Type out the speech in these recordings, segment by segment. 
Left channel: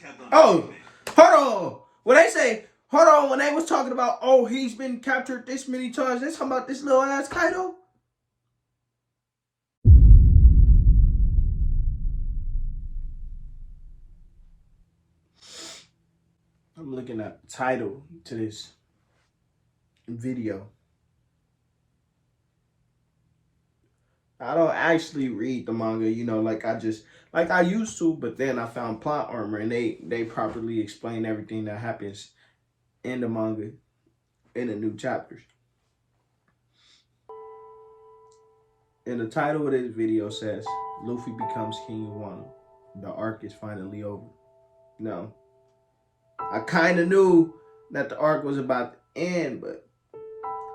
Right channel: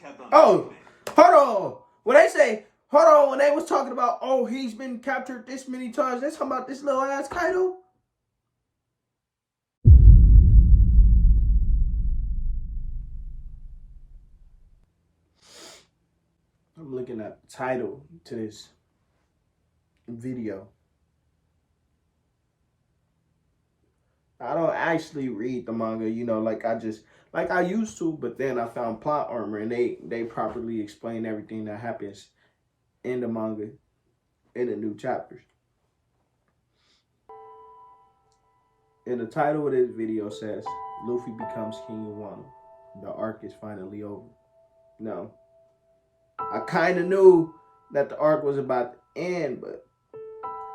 kept on. Oh, hold on. When they say, hold on, when they was talking about, oh, he's been captured this many times, they talking about this little ass Kaido? I'm looking at the title to this video. I don't actually read the manga, you know, like I used to, but then I found Plot Armor and they properly explain everything that happens in the manga in the new chapters. And the title of this video says, Luffy becomes King of Wano. The arc is finally over. Now, I kind of knew that the arc was about to end, but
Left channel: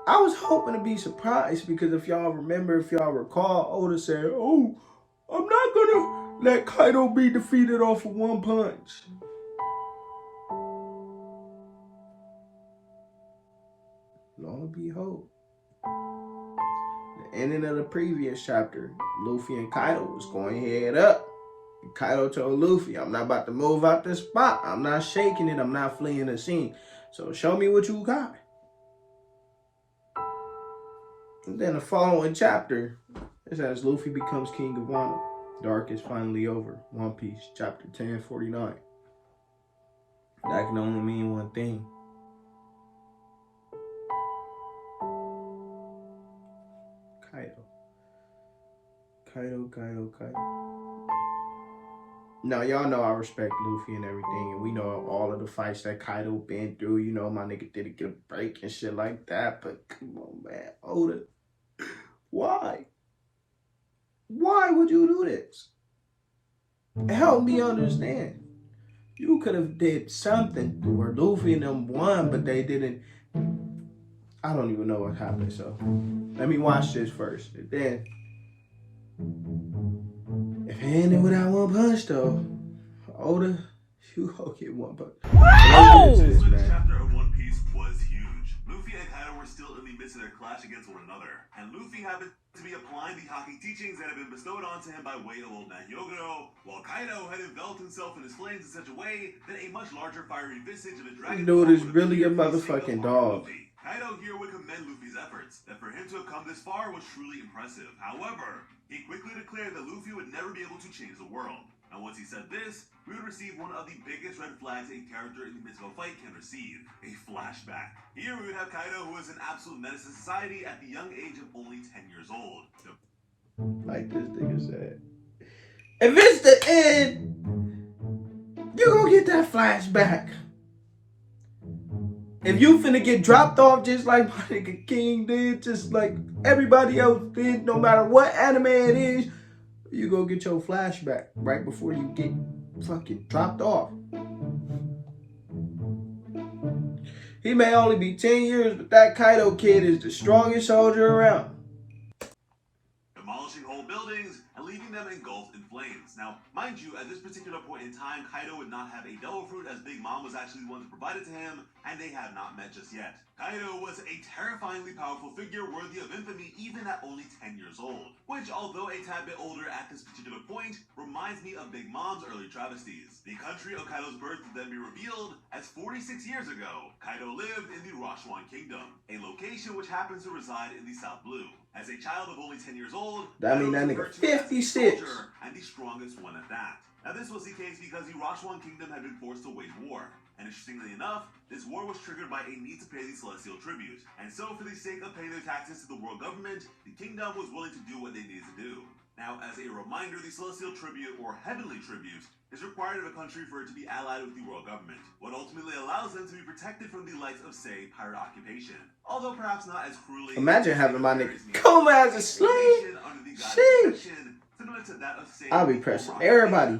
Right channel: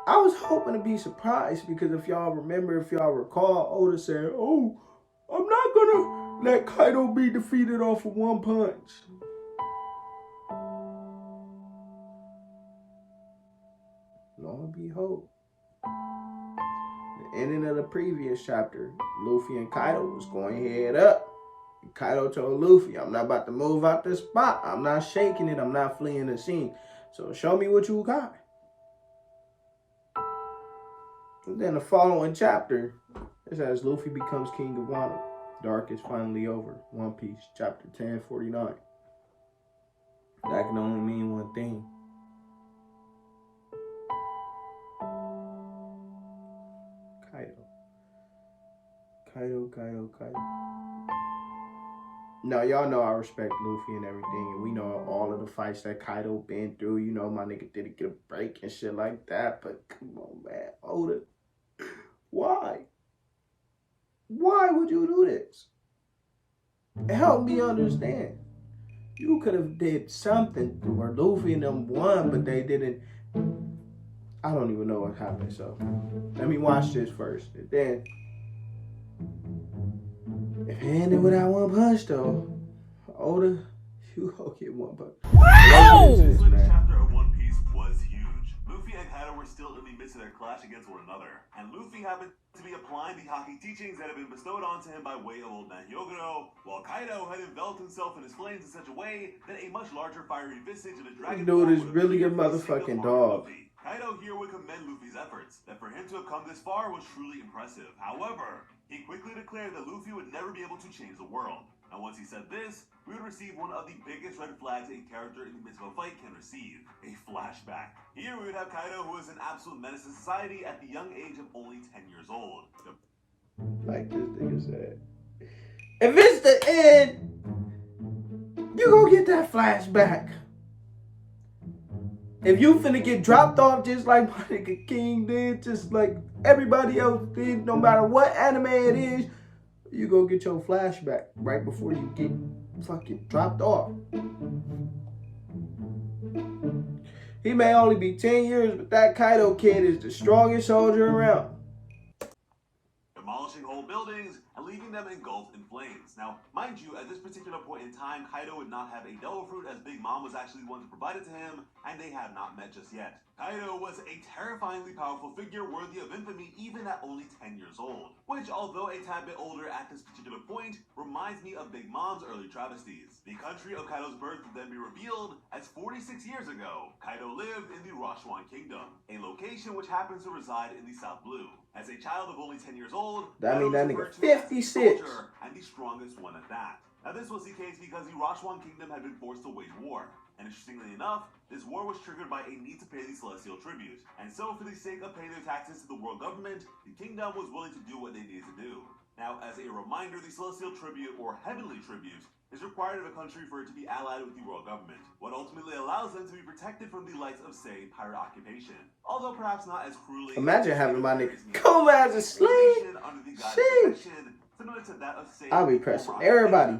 I was hoping to be surprised because if y'all remember, if y'all recall, Oda said, oh, I'm not gonna let Kaido be defeated off of one punch. Lo and behold, the ending of the previous chapter, Luffy and Kaido was going head up. And Kaido told Luffy, I'm not about to move out this spot. I'm not shaking it. I'm not fleeing the scene. So show me what you got. And then the following chapter, it says Luffy becomes King of Wano. The arc is finally over. One Piece, chapter 1049. That can only mean one thing. Kaido. Now, y'all know I respect Luffy and everything, and we know all of the fights that Kaido been through. You know, my nigga didn't get a break and shit like that, but come on, man. Oda, why? Why would you do this? Help me understand. You could have did something where Luffy and them won, but they didn't. I don't even know what happened, so let me watch this first. And then, if it ended without one punch, though, Oda, you go get one punch. Wow! This chapter of One Piece was huge. Luffy and Kaido were still in the midst of their clash against one another, and Luffy happened to be applying the Haki teachings that had been bestowed onto him by way of Old Man Hyogoro, while Kaido had enveloped himself in his flames in such a way that a much larger fiery visage of a dragon dude is really a motherfucking dog. Kaido here would commend Luffy's efforts. That for him to have come this far was truly impressive. However, he quickly declared that Luffy would never be able to change the world. And once he said this, we would receive one of the biggest red flags a character in the midst of a fight can receive, a flashback. Here we would have Kaido, who is an absolute menace to society at the young age of only 10 years old. Like this nigga said, if it's the end, you gonna get that flashback. If you finna get dropped off just like my nigga King did, just like everybody else did, no matter what anime it is, you gonna get your flashback right before you get fucking dropped off. He may only be 10 years, but that Kaido kid is the strongest soldier around. Demolishing whole buildings and leaving them engulfed in flames. Now, mind you, at this particular point in time, Kaido would not have a devil fruit, as Big Mom was actually the one to provide it to him, and they had not met just yet. Kaido was a terrifyingly powerful figure worthy of infamy even at only 10 years old, which, although a tad bit older at this particular point, reminds me of Big Mom's early travesties. The country of Kaido's birth would then be revealed as 46 years ago, Kaido lived in the Rashwan Kingdom, a location which happens to reside in the South Blue. As a child of only 10 years old, that mean that nigga 56. And the strongest one at that. Now this was the case because the Rashwan Kingdom had been forced to wage war. And interestingly enough, this war was triggered by a need to pay the celestial tribute. And so for the sake of paying their taxes to the world government, the kingdom was willing to do what they needed to do. Now, as a reminder, the celestial tribute, or heavenly tribute, is required of a country for it to be allied with the world government, what ultimately allows them to be protected from the likes of, say, pirate occupation. Although perhaps not as cruelly... Imagine having my nigga come as a slave. Sheesh. Similar to that of, say, I'll be pressing everybody.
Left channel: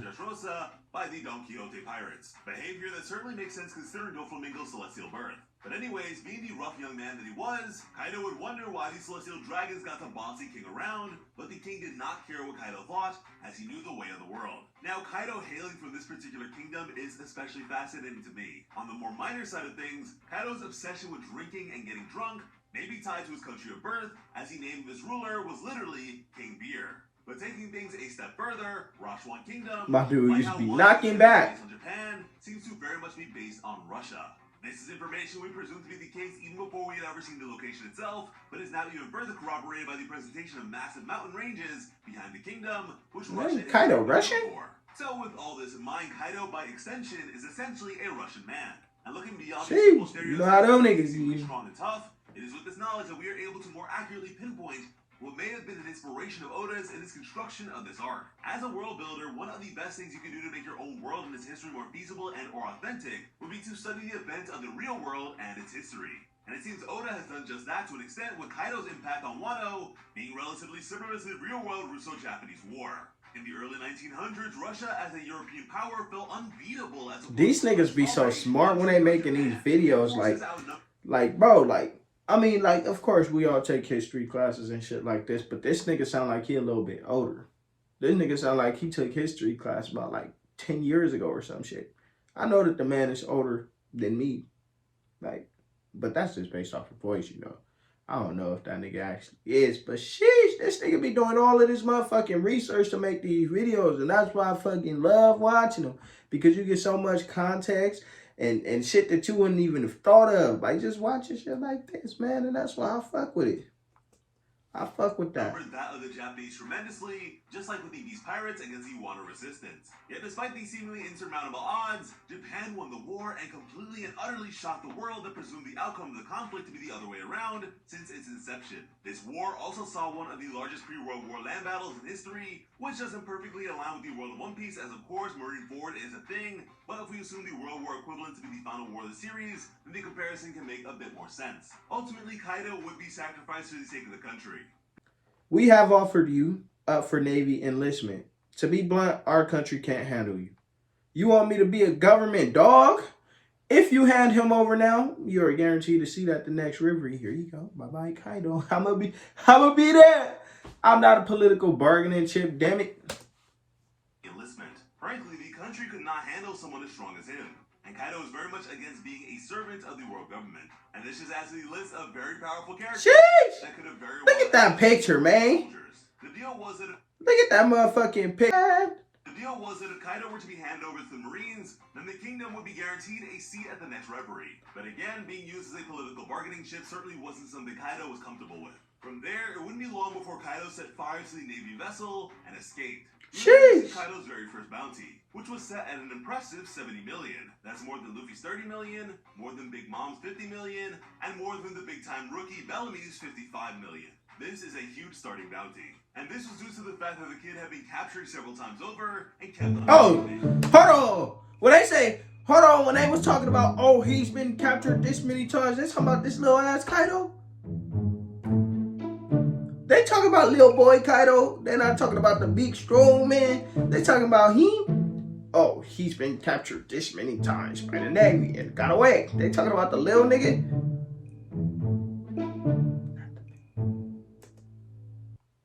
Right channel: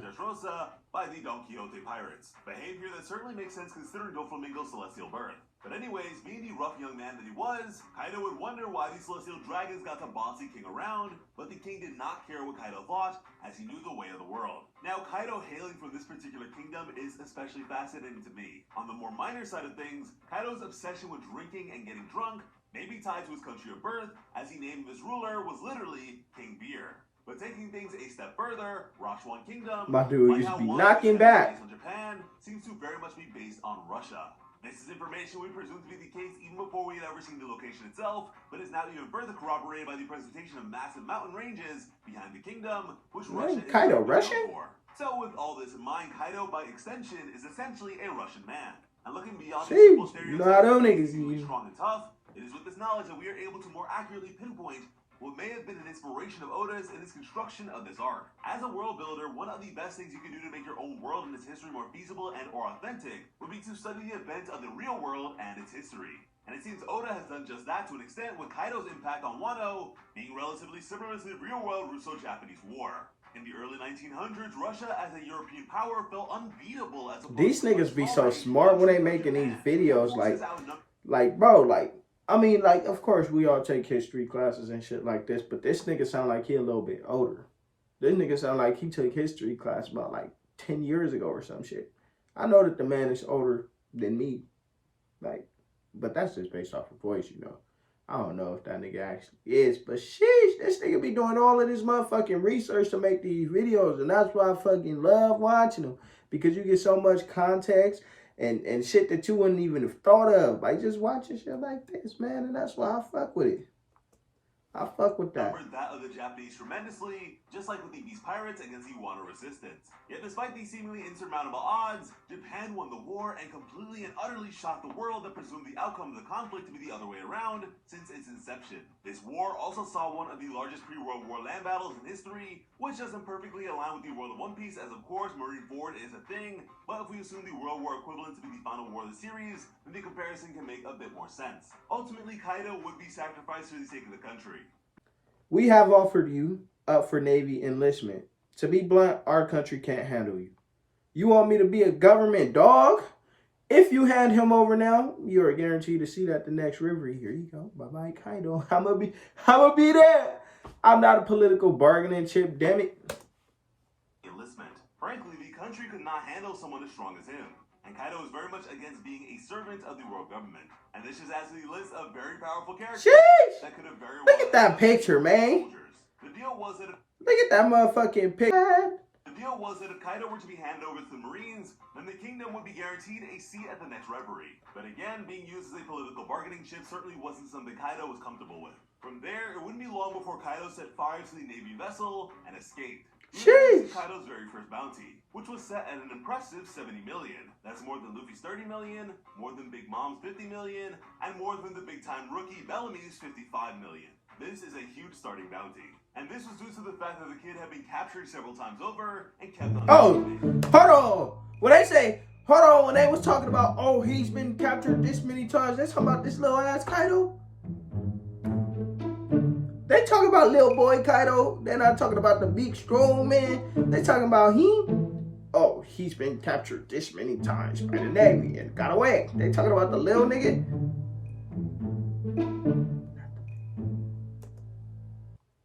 By the Don Quixote pirates. Behavior that certainly makes sense considering Doflamingo's celestial birth. But anyways, being the rough young man that he was, Kaido would wonder why the celestial dragons got to boss the king around, but the king did not care what Kaido thought, as he knew the way of the world. Now, Kaido hailing from this particular kingdom is especially fascinating to me. On the more minor side of things, Kaido's obsession with drinking and getting drunk may be tied to his country of birth, as he named his ruler was literally King Beer. But taking things a step further, Rashwan Kingdom, my dude used to be knocking back. Japan, seems to very much be based on Russia. This is information we presume to be the case even before we had ever seen the location itself, but is now even further corroborated by the presentation of massive mountain ranges behind the kingdom, which Russia is Kaido known Russian? for. So with all this in mind, Kaido by extension is essentially a Russian man. And looking beyond the simple stereotypes, you know how them niggas extremely is. Strong and tough, it is with this knowledge that we are able to more accurately pinpoint what may have been an inspiration of Oda's in his construction of this arc. As a world builder, one of the best things you can do to make your own world and its history more feasible and or authentic would be to study the events of the real world and its history. And it seems Oda has done just that to an extent with Kaido's impact on Wano being relatively similar to the real-world Russo-Japanese War. In the early 1900s, Russia as a European power felt unbeatable as these niggas be so smart when they making these videos, like bro, like I mean, like, of course, we all take history classes and shit like this, but this nigga sound like he a little bit older. This nigga sound like he took history class about, like, 10 years ago or some shit. I know that the man is older than me, like, but that's just based off of voice, you know. I don't know if that nigga actually is, but sheesh, this nigga be doing all of this motherfucking research to make these videos, and that's why I fucking love watching them, because you get so much context and shit that you wouldn't even have thought of by just watching shit like this, man. And that's why I fuck with it. I fuck with that. That of the Japanese tremendously, just like with the East Pirates against the Wano resistance. Yet despite these seemingly insurmountable odds, Japan won the war and completely and utterly shocked the world that presumed the outcome of the conflict to be the other way around since its inception. This war also saw one of the largest pre-World War land battles in history, which doesn't perfectly align with the world of One Piece, as of course Marineford is a thing, but if we assume the World War equivalent to be the final war of the series, then the comparison can make a bit more sense. Ultimately, Kaido would be sacrificed for the sake of the country. We have offered you up for Navy enlistment. To be blunt, our country can't handle you. You want me to be a government dog? If you hand him over now, you are guaranteed to see that the next river. Here you go. Bye-bye, Kaido. I'ma be there. I'm not a political bargaining chip, damn it. Enlistment. Frankly, the country could not handle someone as strong as him. And Kaido is very much against being a servant of the world government. And this just adds to the list of very powerful characters that could have very well. Look at that picture, man. The deal was that look at that motherfucking picture. The deal was that if Kaido were to be handed over to the Marines, then the kingdom would be guaranteed a seat at the next reverie. But again, being used as a political bargaining chip certainly wasn't something Kaido was comfortable with. From there, it wouldn't be long before Kaido set fire to the Navy vessel and escaped. Sheesh. Kaido's very first bounty, which was set at an impressive 70 million. That's more than Luffy's 30 million, more than Big Mom's 50 million, and more than the big-time rookie Bellamy's 55 million. This is a huge starting bounty. And this was due to the fact that the kid had been captured several times over and kept on. Oh, hold on. When they say, hold on, when they was talking about, oh, he's been captured this many times, they talking about this little ass Kaido? They talking about little boy Kaido. They're not talking about the big strong man. They talking about him. Oh, he's been captured this many times by the Navy and got away. They talking about the little nigga.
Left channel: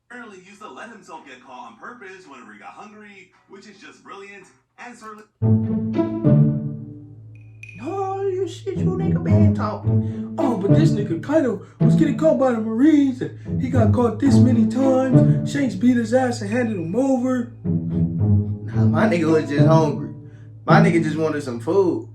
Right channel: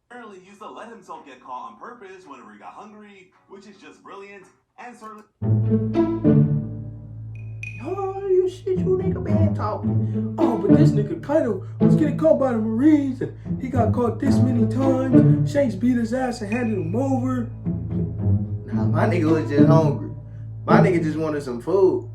Apparently, he used to let himself get caught on purpose whenever he got hungry, which is just brilliant and certainly. Oh, you shit, you nigga been talking. Oh, but this nigga Kaido was getting caught by the Marines and he got caught this many times. Shanks beat his ass and handed him over. Nah, my nigga was just hungry. My nigga just wanted some food.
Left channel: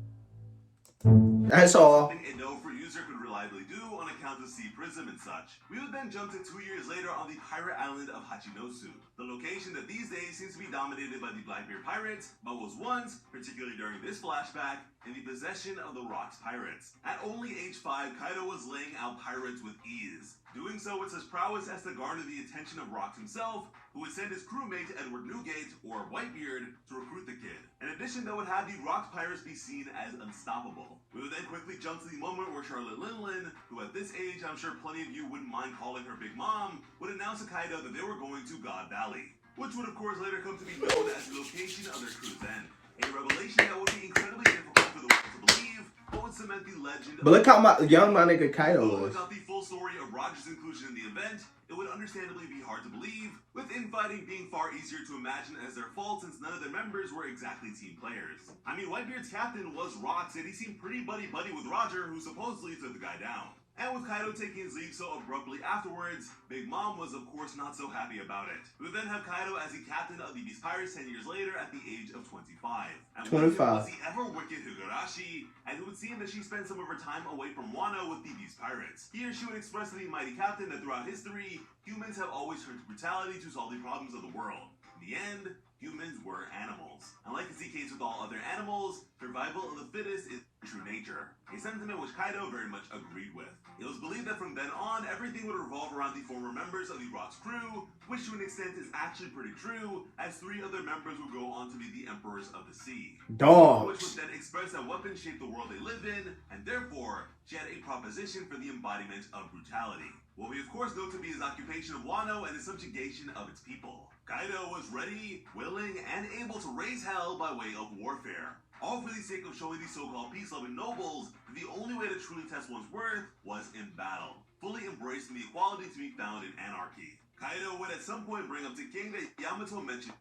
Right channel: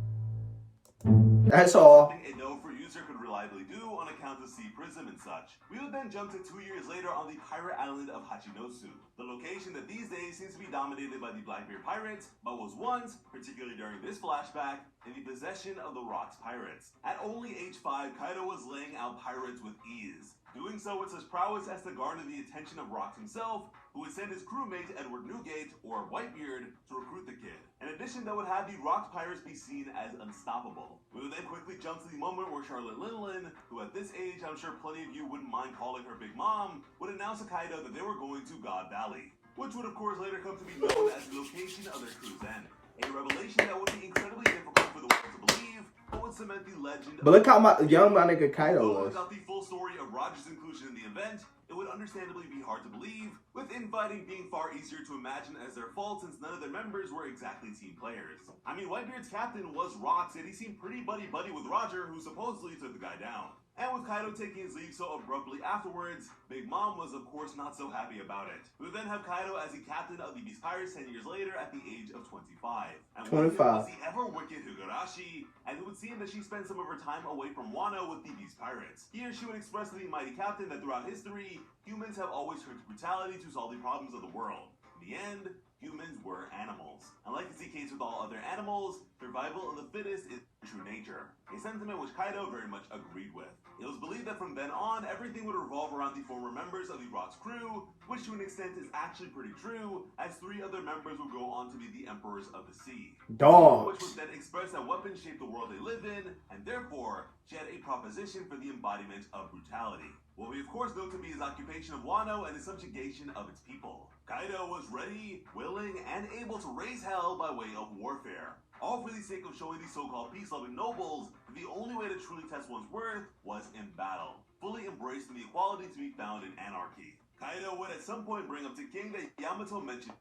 That's all. A no-for user could reliably do on account of sea prism and such. We would then jump to 2 years later on the pirate island of Hachinosu, the location that these days seems to be dominated by the Blackbeard pirates, but was once, particularly during this flashback, in the possession of the Rocks pirates. At only age 5, Kaido was laying out pirates with ease, doing so with such prowess as to garner the attention of Rocks himself, who would send his crewmate Edward Newgate, or Whitebeard, to recruit the kid. In addition, that would have the Rocks pirates be seen as unstoppable. We would then quickly jump to the moment where Charlotte Linlin, who at this age I'm sure plenty of you wouldn't mind calling her Big Mom, would announce to Kaido that they were going to God Valley, which would of course later come to be known as the location of their crew's end. A revelation that would be incredibly difficult for the world to believe, but would cement the legend. But look how young my nigga Kaido was. Without the full story of Roger's inclusion in the event, it would understandably be hard to believe, with infighting being far easier to imagine as their fault since none of their members were exactly team players. I mean, Whitebeard's captain was Rocks, and he seemed pretty buddy-buddy with Roger, who supposedly took the guy down. And with Kaido taking his leave so abruptly afterwards, Big Mom was of course not so happy about it. We would then have Kaido as the captain of the Beast Pirates 10 years later at the age of 25. And 25. Was he ever wicked Kakashi, and it would seem that she spent some of her time away from Wano with these pirates. Here she would express to the mighty captain that throughout history, humans have always turned to brutality to solve the problems of the world. In the end, humans were animals. And like is the case with all other animals, survival of the fittest is true nature, a sentiment which Kaido very much agreed with. It was believed that from then on, everything would revolve around the former members of the Rock's crew, which to an extent is actually pretty true, as 3 other members would go on to be the Emperors of the Sea. Dogs. Which would then express that weapons shape the world they live in, and therefore, she had a proposition for the embodiment of brutality. What we of course know to be his occupation of Wano and the subjugation of its people. Kaido was ready, willing, and able to raise hell by way of warfare. All for the sake of showing these so-called peace-loving nobles that the only way to truly test one's worth was in battle, fully embracing the equality to be found in anarchy. Kaido would at some point bring up to King that Yamato mentioned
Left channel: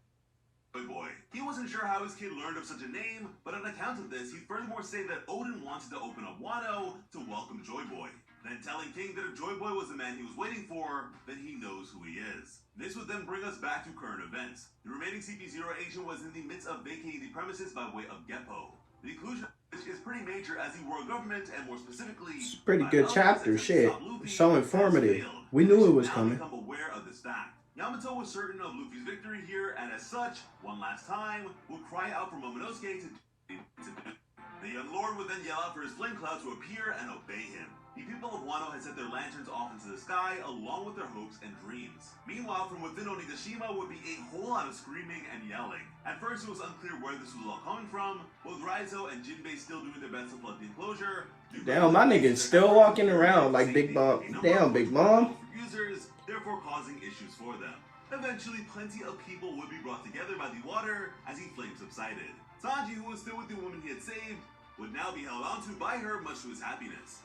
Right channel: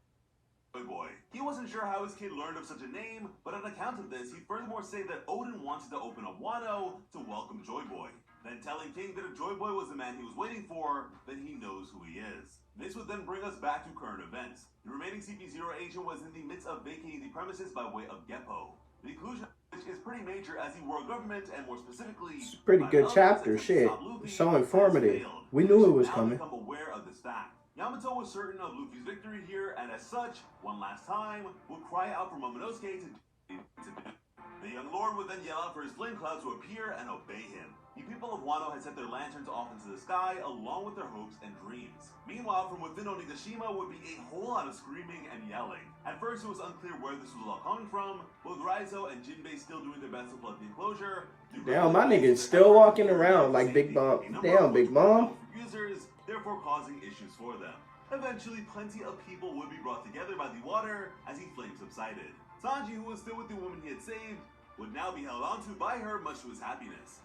Joy Boy. He wasn't sure how his kid learned of such a name, but on account of this, he'd furthermore say that Oden wanted to open up Wano to welcome Joy Boy, then telling King that if Joy Boy was the man he was waiting for, then he knows who he is. This would then bring us back to current events. The remaining CP0 agent was in the midst of vacating the premises by way of Geppo. The inclusion of which is pretty major as the world government, and more specifically, It's a pretty good chapter, shit. So informative. We knew it was coming. Become aware of this fact. Yamato was certain of Luffy's victory here, and as such, one last time, would cry out for Momonosuke to do. The young lord would then yell out for his flame cloud to appear and obey him. The people of Wano had set their lanterns off into the sky along with their hopes and dreams. Meanwhile, from within Onigashima would be a whole lot of screaming and yelling. At first, it was unclear where this was all coming from, with Raizo and Jinbei still doing their best to flood the enclosure. Damn, my nigga's still walking around like Big Mom. Damn, Big Mom. Users, therefore causing issues for them. Eventually, plenty of people would be brought together by the water as the flames subsided. Sanji, who was still with the woman he had saved, would now be held onto by her, much to his happiness.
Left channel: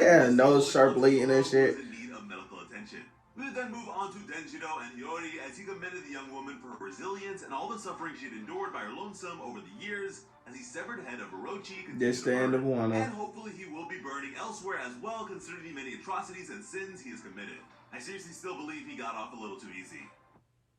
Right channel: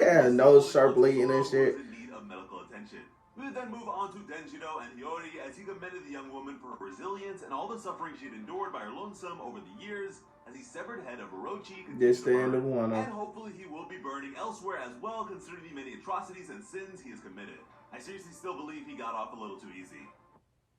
Yeah, nose start bleeding and shit. In need of medical attention. We would then move on to Denjiro and Hiyori as he commended the young woman for her resilience and all the suffering she had endured by her lonesome over the years as the severed head of Orochi This the end of Wano. And hopefully he will be burning elsewhere as well, considering the many atrocities and sins he has committed. I seriously still believe he got off a little too easy.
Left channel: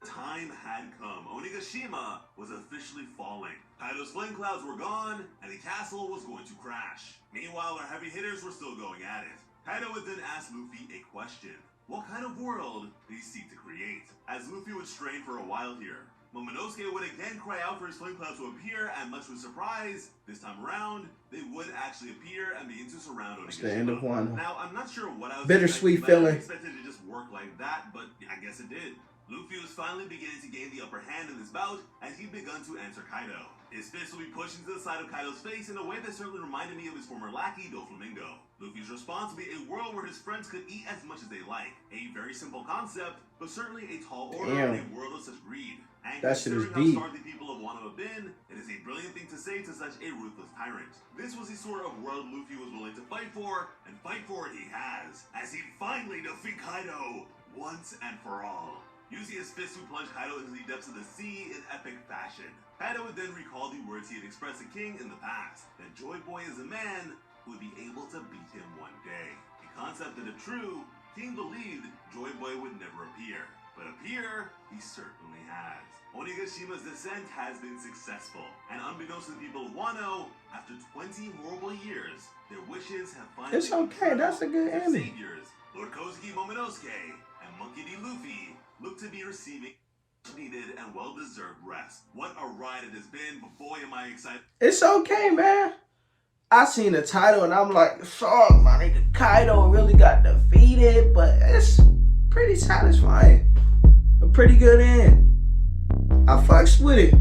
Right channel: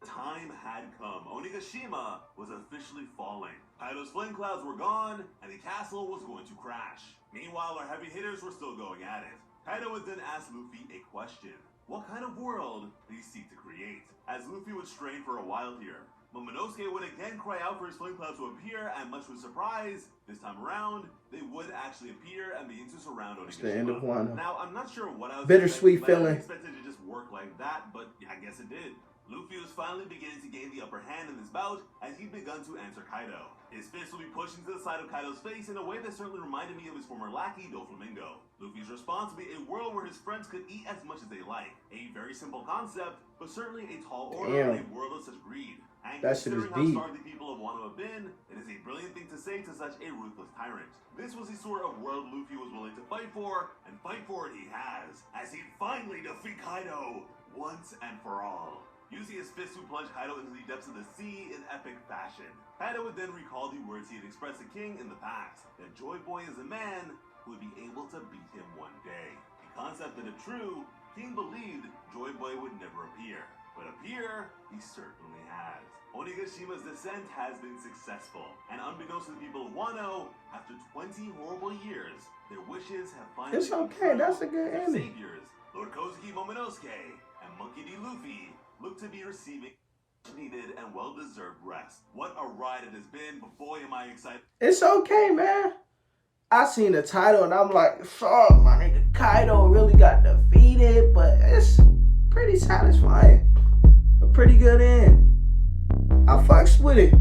Time had come. Onigashima was officially falling. Kaido's flame clouds were gone, and the castle was going to crash. Meanwhile, our heavy hitters were still going at it. Kaido would then ask Luffy a question. What kind of world did he seek to create? As Luffy would strain for a while here, Momonosuke would again cry out for his flame clouds to appear, and much to his surprise, this time around, they would actually appear and begin to surround Onigashima. It's the end of Wano. Now, I'm not sure what I was bittersweet feeling. I expected it to just work like that, but I guess it did. Luffy was finally beginning to gain the upper hand in this bout as he'd begun to answer Kaido. His fist would be pushed into the side of Kaido's face in a way that certainly reminded me of his former lackey, Doflamingo. Luffy's response would be a world where his friends could eat as much as they like. A very simple concept, but certainly a tall order in a world of such greed. And that shit is considering deep. how starved the people of Wano have been, it is a brilliant thing to say to such a ruthless tyrant. This was the sort of world Luffy was willing to fight for, and fight for it he has, as he finally defeat Kaido once and for all. Using his fist to plunge Kaido into the depths of the sea in epic fashion. Kaido would then recall the words he had expressed to King in the past, that Joy Boy is a man who would be able to beat him one day. A concept that if true, King believed Joy Boy would never appear. But appear, he certainly has. Onigashima's descent has been successful, and unbeknownst to the people of Wano, after 20 horrible years, their wishes have finally It's okay, that's a good ending. Saviors, Lord Kozuki Momonosuke, and Monkey D. Luffy, look to be receiving needed and well-deserved rest. What a ride it has been, but boy am I excited. It's okay, man. I seen the title and I'm like, fuck, my nigga Kaido really got defeated, but it's pretty satisfying. A pretty good end. I fucks with it.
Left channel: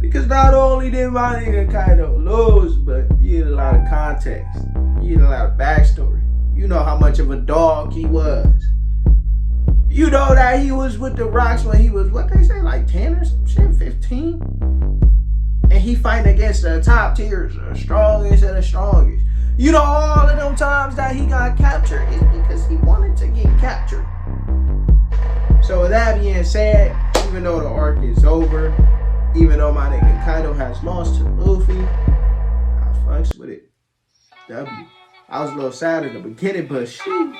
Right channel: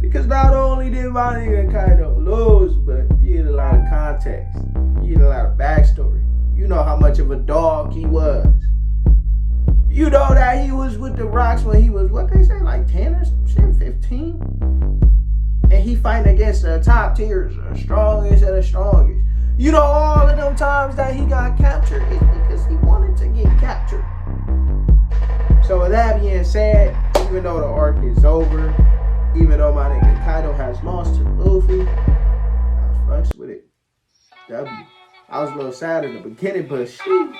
Because not only did my nigga Kaido lose, but you get a lot of context. You get a lot of backstory. You know how much of a dog he was. You know that he was with the Rocks when he was, what they say, like 10 or some shit, 15? And he fighting against the top tiers, the strongest of the strongest. You know, all of them times that he got captured is because he wanted to get captured. So with that being said, even though the arc is over, even though my nigga Kaido has lost to Luffy, I fucks with it. W. I was a little sad in the beginning, but sheesh.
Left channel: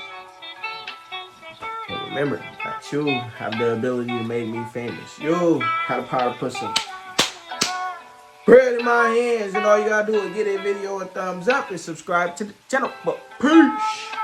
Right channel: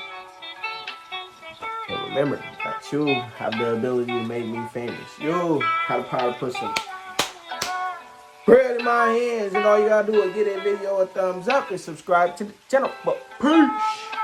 But remember that you have the ability to make me famous. You have the power to put some Bread in my hands, and all you gotta do is give that video a thumbs up and subscribe to the channel. But peace.